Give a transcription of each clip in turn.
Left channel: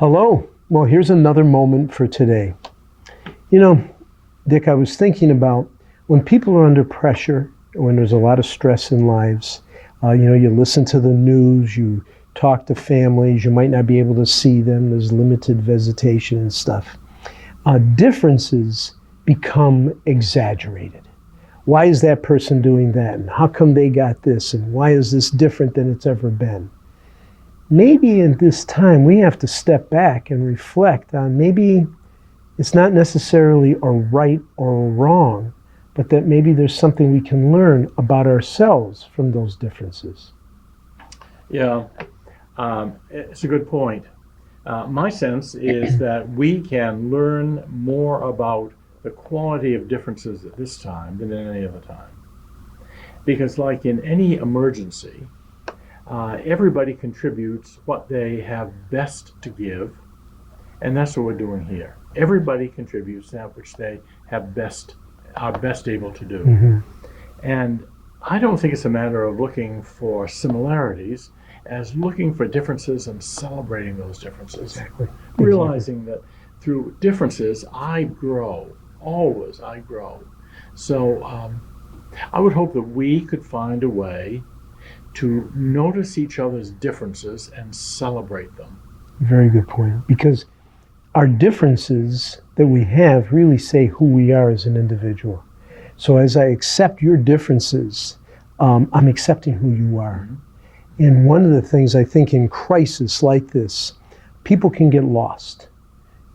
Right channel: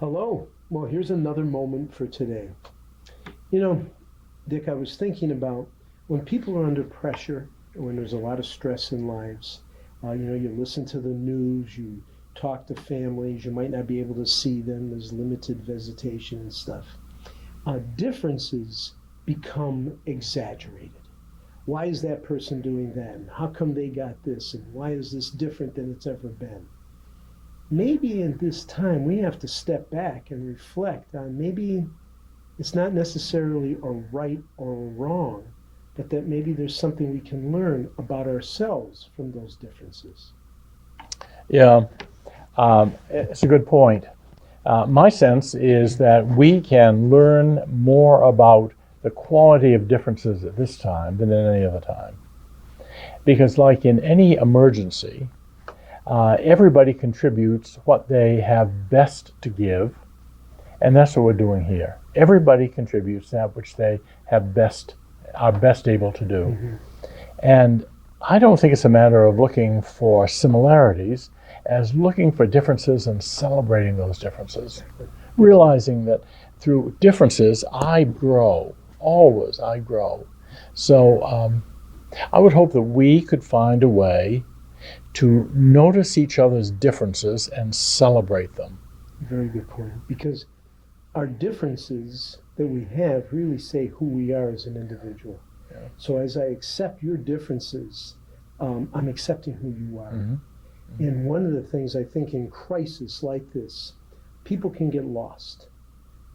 Hello. Well, here's another moment for today. You know, Dick, I was thinking about when people are under pressure, when there's a lot of stress in lives, you listen to the news, you talk to families, you might not be able to see them, there's limited visitation and stuff. Differences become exaggerated. Why is that person doing that? And how come they got this? And why is this different than it's ever been? Maybe in this time we have to step back and reflect on maybe it's not necessarily a right or a wrong, but that maybe there's something we can learn about ourselves from those differences. Yeah, it's a good point. My sense is that we can learn more about the quality of differences at this time than at any other time. Because like in any emergency, everybody contributes what they have best to give, and that's what we're doing here. Everybody contributes that which they are best able to do. Mm-hmm. And I don't think it's a matter of looking for similarities as looking for differences and celebrating those differences. Exactly. Realizing that through differences, I grow. Always, I grow. So I would hope that we could find a way to notice each other's differences and celebrate them. Very good point. Because our differences that we have really say who we are as an individual. So as I accept your differences, I'm accepting who you are. Mm-hmm. And one of the things I think in crisis like this, people can get lost.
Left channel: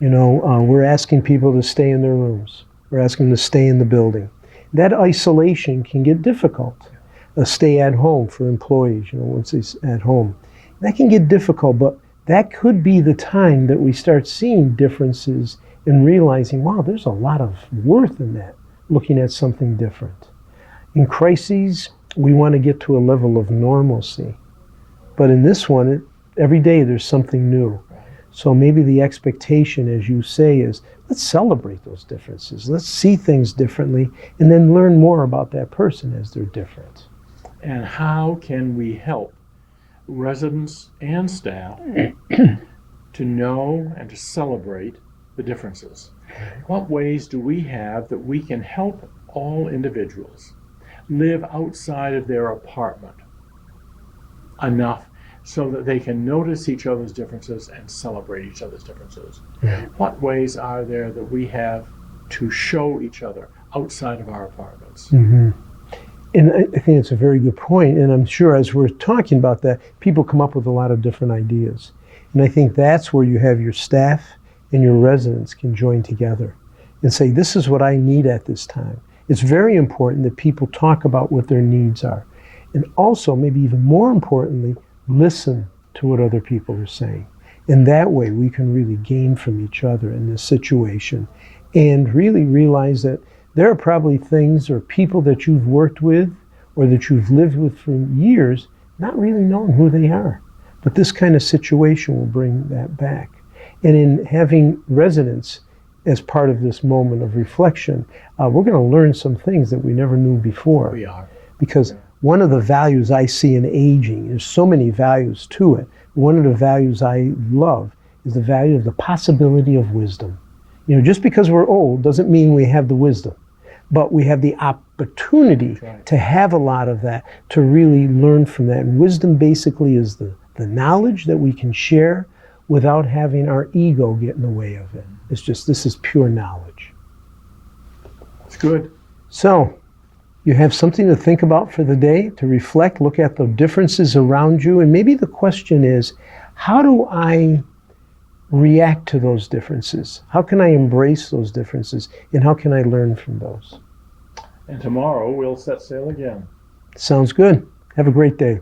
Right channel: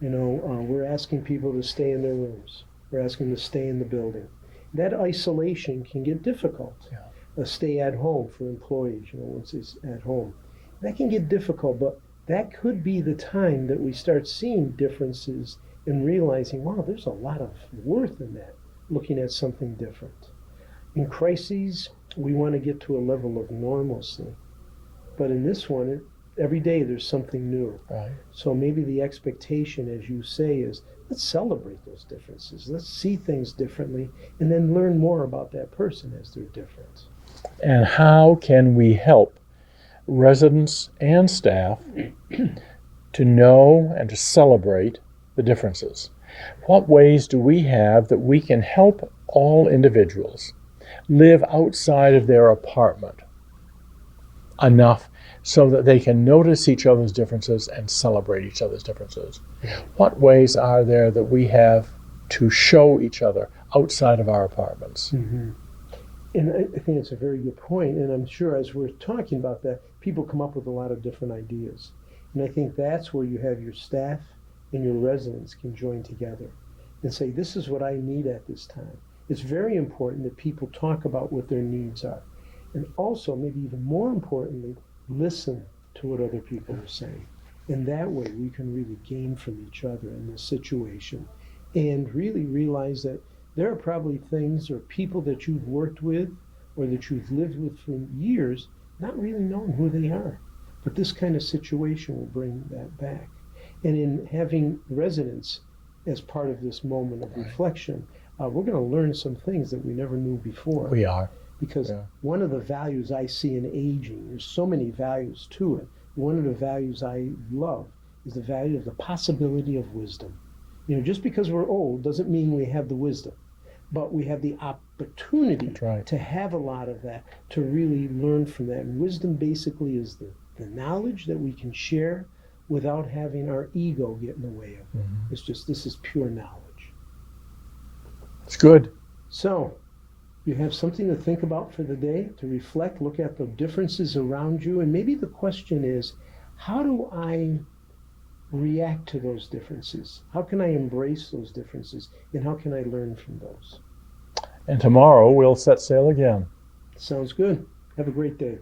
We're asking people to stay in their rooms. We're asking them to stay in the building. That isolation can get difficult. Stay at home for employees, once it's at home. That can get difficult, but that could be the time that we start seeing differences and realizing, wow, there's a lot of worth in that, looking at something different. In crises, we want to get to a level of normalcy. But in this one, every day there's something new. Right. So maybe the expectation, as you say, is let's celebrate those differences. Let's see things differently and then learn more about that person as they're different. And how can we help residents and staff to know and to celebrate the differences? What ways do we have that we can help all individuals live outside of their apartment enough so that they can notice each other's differences and celebrate each other's differences? Yeah. What ways are there that we have to show each other outside of our apartments? Mm-hmm. And I think it's a very good point. And I'm sure as we're talking about that, people come up with a lot of different ideas. And I think that's where you have your staff and your residents can join together and say, this is what I need at this time. It's very important that people talk about what their needs are. And also, maybe even more importantly, listen to what other people are saying. And that way we can really gain from each other in this situation and really realize that there are probably things or people that you've worked with or that you've lived with for years not really knowing who they are. But this kind of situation will bring that back. And in having residents as part of this moment of reflection, we're going to learn some things that we never knew before. We are. Because one of the values I see in aging, there's so many values to it. One of the values I love is the value of the possibility of wisdom. Just because we're old doesn't mean we have the wisdom. But we have the opportunity to have a lot of that, to really learn from that. And wisdom basically is the knowledge that we can share without having our ego get in the way of it. It's just, this is pure knowledge. It's good. So, you have something to think about for the day, to reflect, look at the differences around you, and maybe the question is, how do I react to those differences? How can I embrace those differences? And how can I learn from those? And tomorrow we'll set sail again. Sounds good. Have a great day.